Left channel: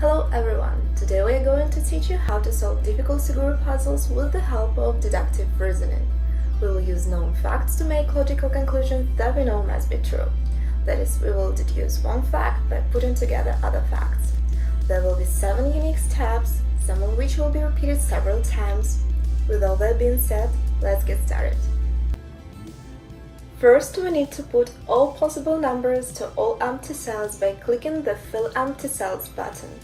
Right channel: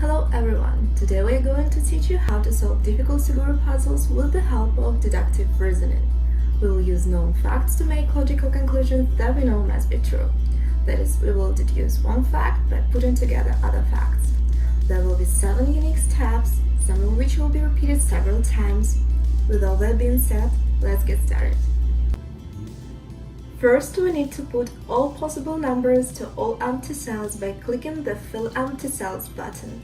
Hello everyone! Today we are going to teach you how to solve difficult Suguru puzzles with the help of deductive reasoning. We will use known facts to make logical conclusions that we know must be true. That is, we will deduce one fact by putting together other facts. There will be 7 unique steps, some of which will be repeated several times. With all that being said, let's get started. First, we need to put all possible numbers to all empty cells by clicking the Fill Empty Cells button.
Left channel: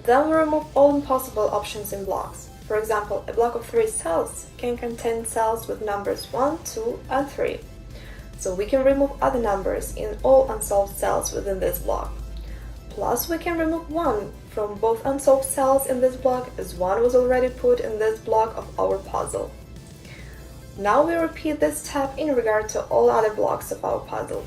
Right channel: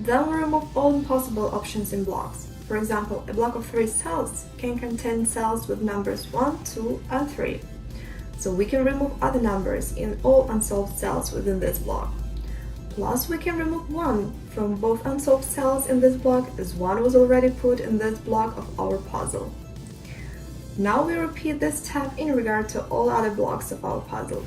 Then we remove all impossible options in blocks. For example, a block of 3 cells can contain cells with numbers 1, 2, and 3. So we can remove other numbers in all unsolved cells within this block. Plus, we can remove 1 from both unsolved cells in this block, as 1 was already put in this block of our puzzle. Now we repeat this step in regard to all other blocks of our puzzle.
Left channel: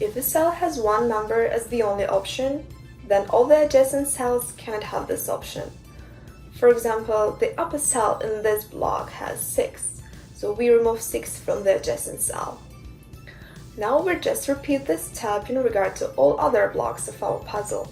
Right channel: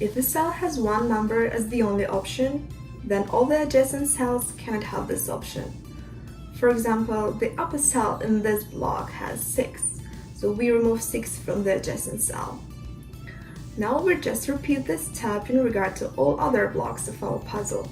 If a cell has one number as the only option, then all the adjacent cells can't have this option. For example, the upper cell in this block has 6, so we remove 6 from the adjacent cell. Now we just repeat this step in regard to all other blocks of our puzzle.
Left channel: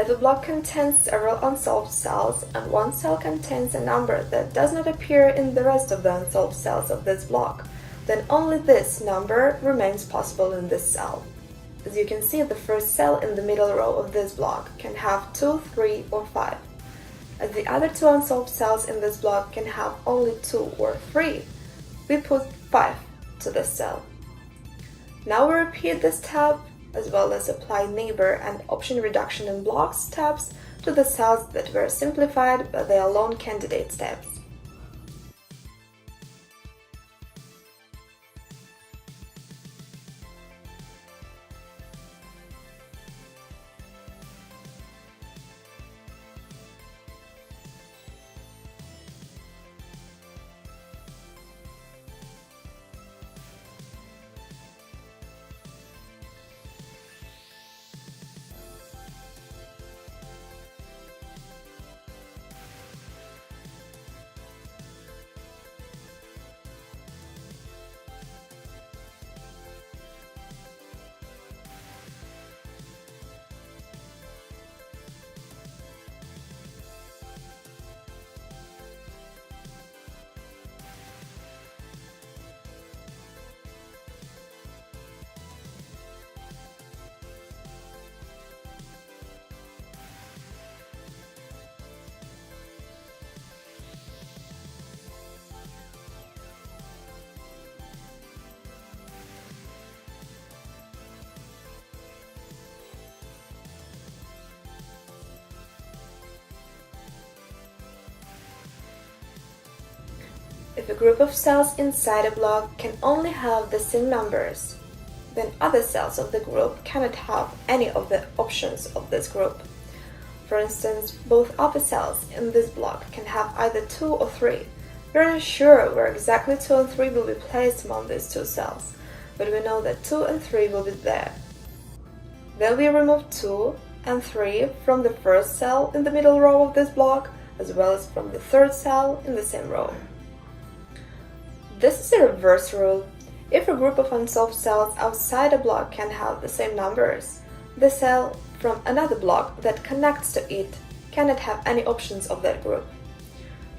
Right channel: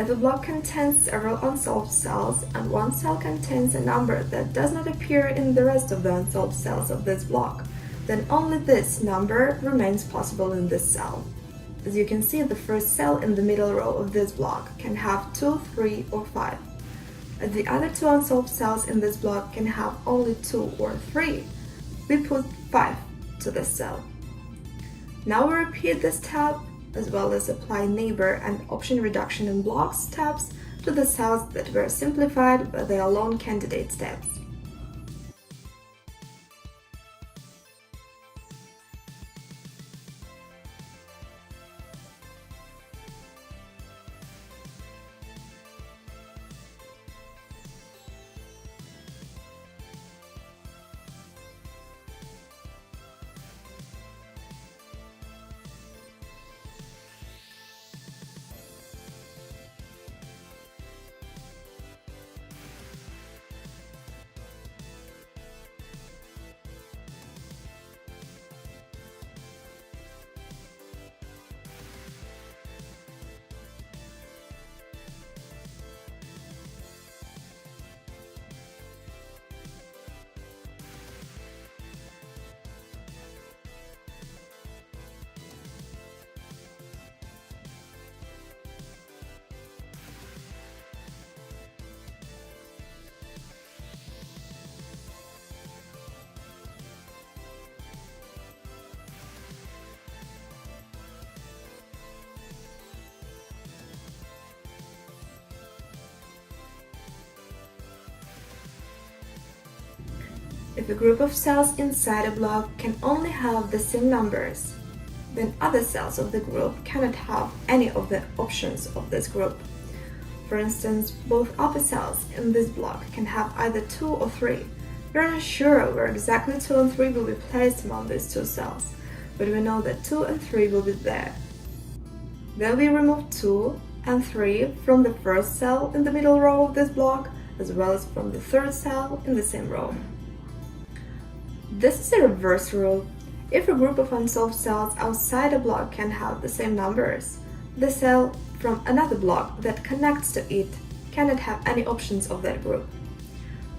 If a block contains several unsolved cells and one cell contains a number that does not appear in the rest of the unsolved cells of this block, then only this number remains possible in this cell. As you can see, the first cell in the middle row of this block can have 2, 3, or 5. As the other two unsolved cells in this block can have only 2 or 3, we put 5 to this cell. Now we repeat this step, as well as apply neighbor and option reduction in blocks steps to the cells that were simplified by the alone candidate steps. If a group of cells inside a block can only have the same numbers, then other cells of the group cannot have any of the options of this group. For instance, both other cells in this block can have either 2 or 3. We are not sure where exactly 2 and 3 will be placed among these two cells, but we know that 2 and 3 will be there. Then we remove 2 and 3 from the first cell in the middle row of this block, as well as from the third cell in the same row. This is a reverse rule. If a group of unsolved cells outside a block can have the same numbers, the cell from another block that connects to it cannot have any options of that group.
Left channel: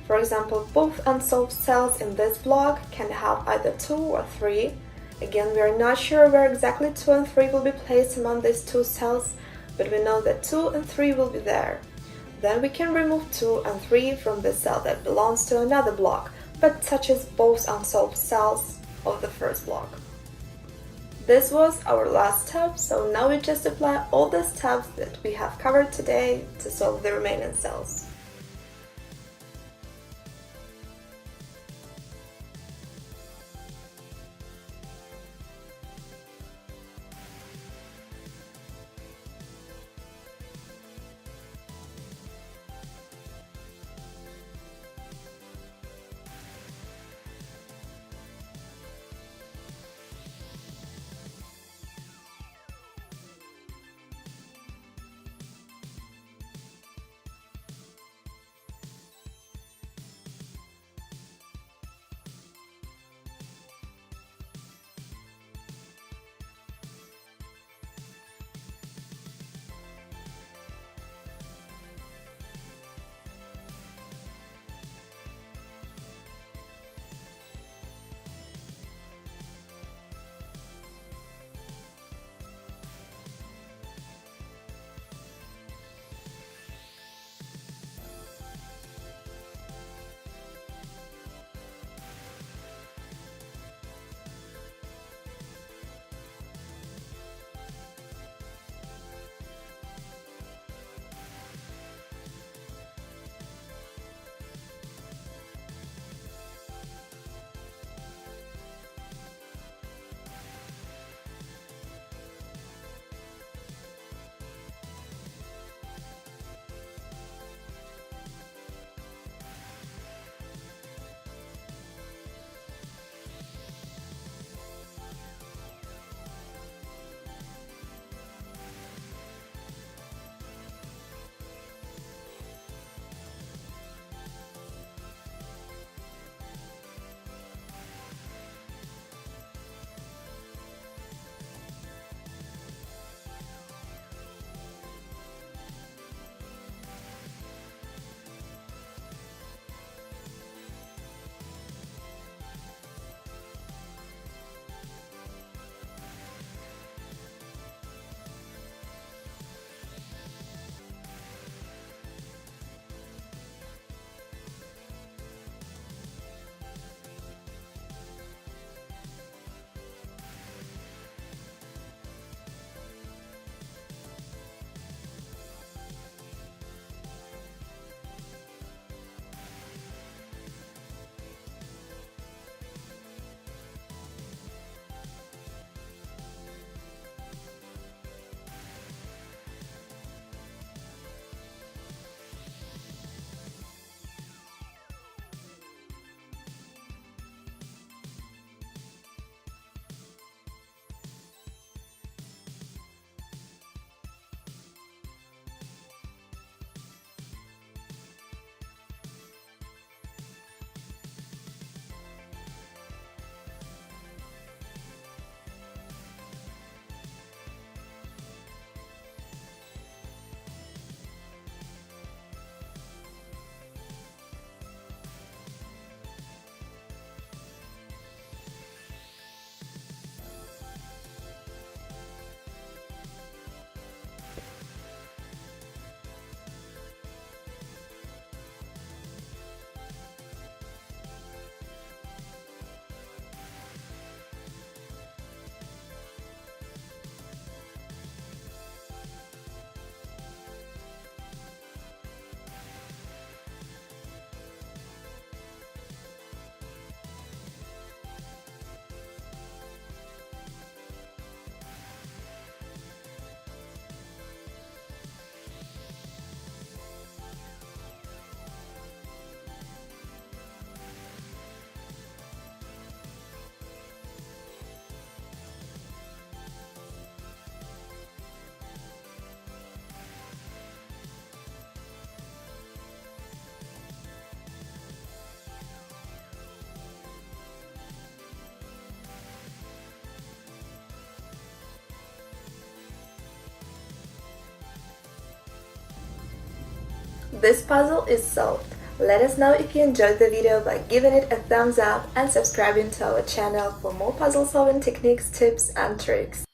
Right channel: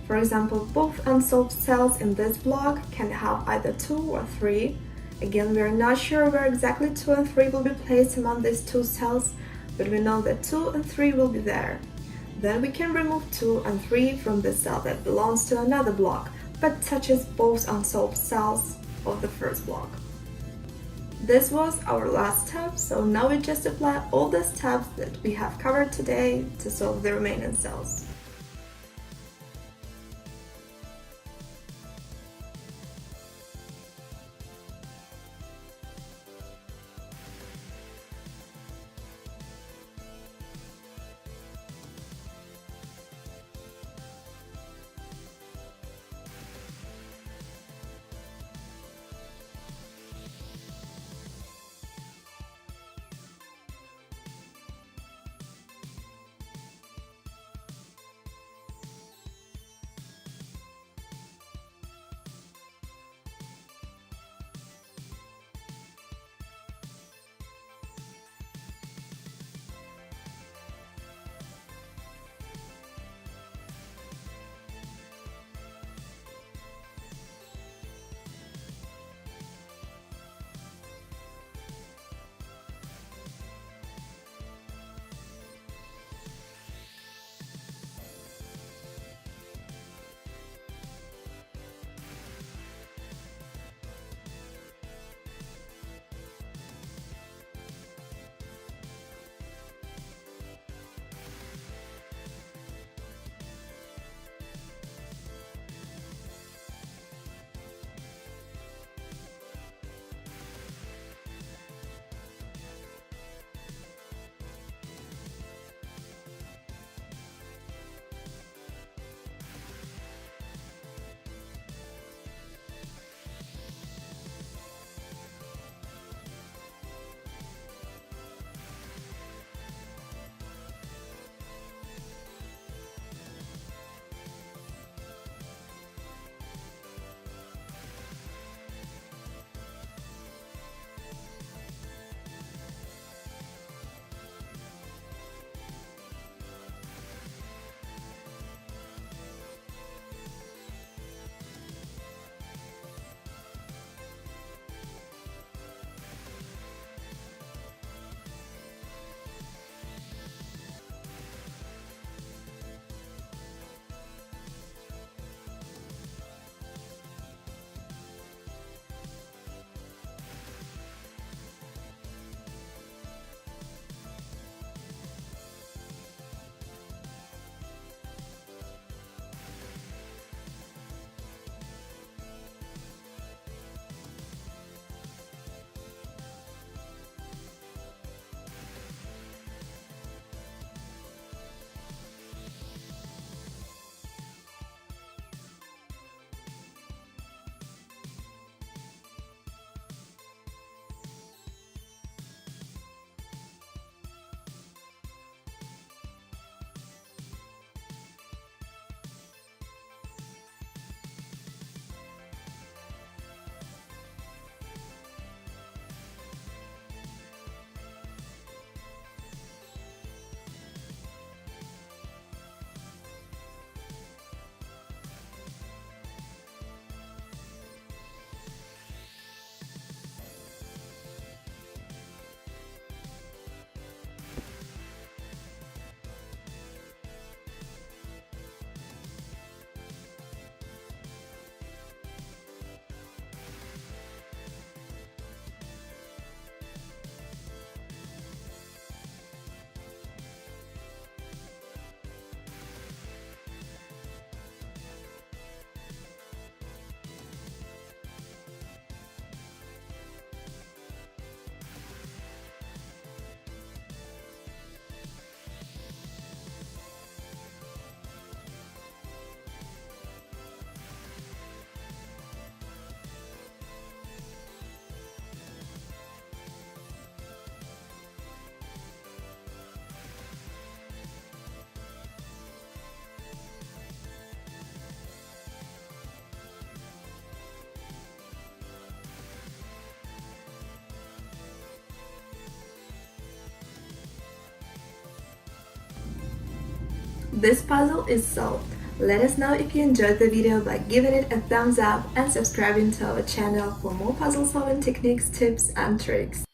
For example, both unsolved cells in this block can have either 2 or 3. Again, we are not sure where exactly 2 and 3 will be placed among these two cells, but we know that 2 and 3 will be there. Then we can remove 2 and 3 from the cell that belongs to another block, but touches both unsolved cells of the first block. This was our last step, so now we just apply all the steps that we have covered today to solve the remaining cells. this puzzle is solved. Let us know if you enjoyed the video by giving it a thumbs up and subscribing to our channel for more puzzle solving techniques, tips and tricks.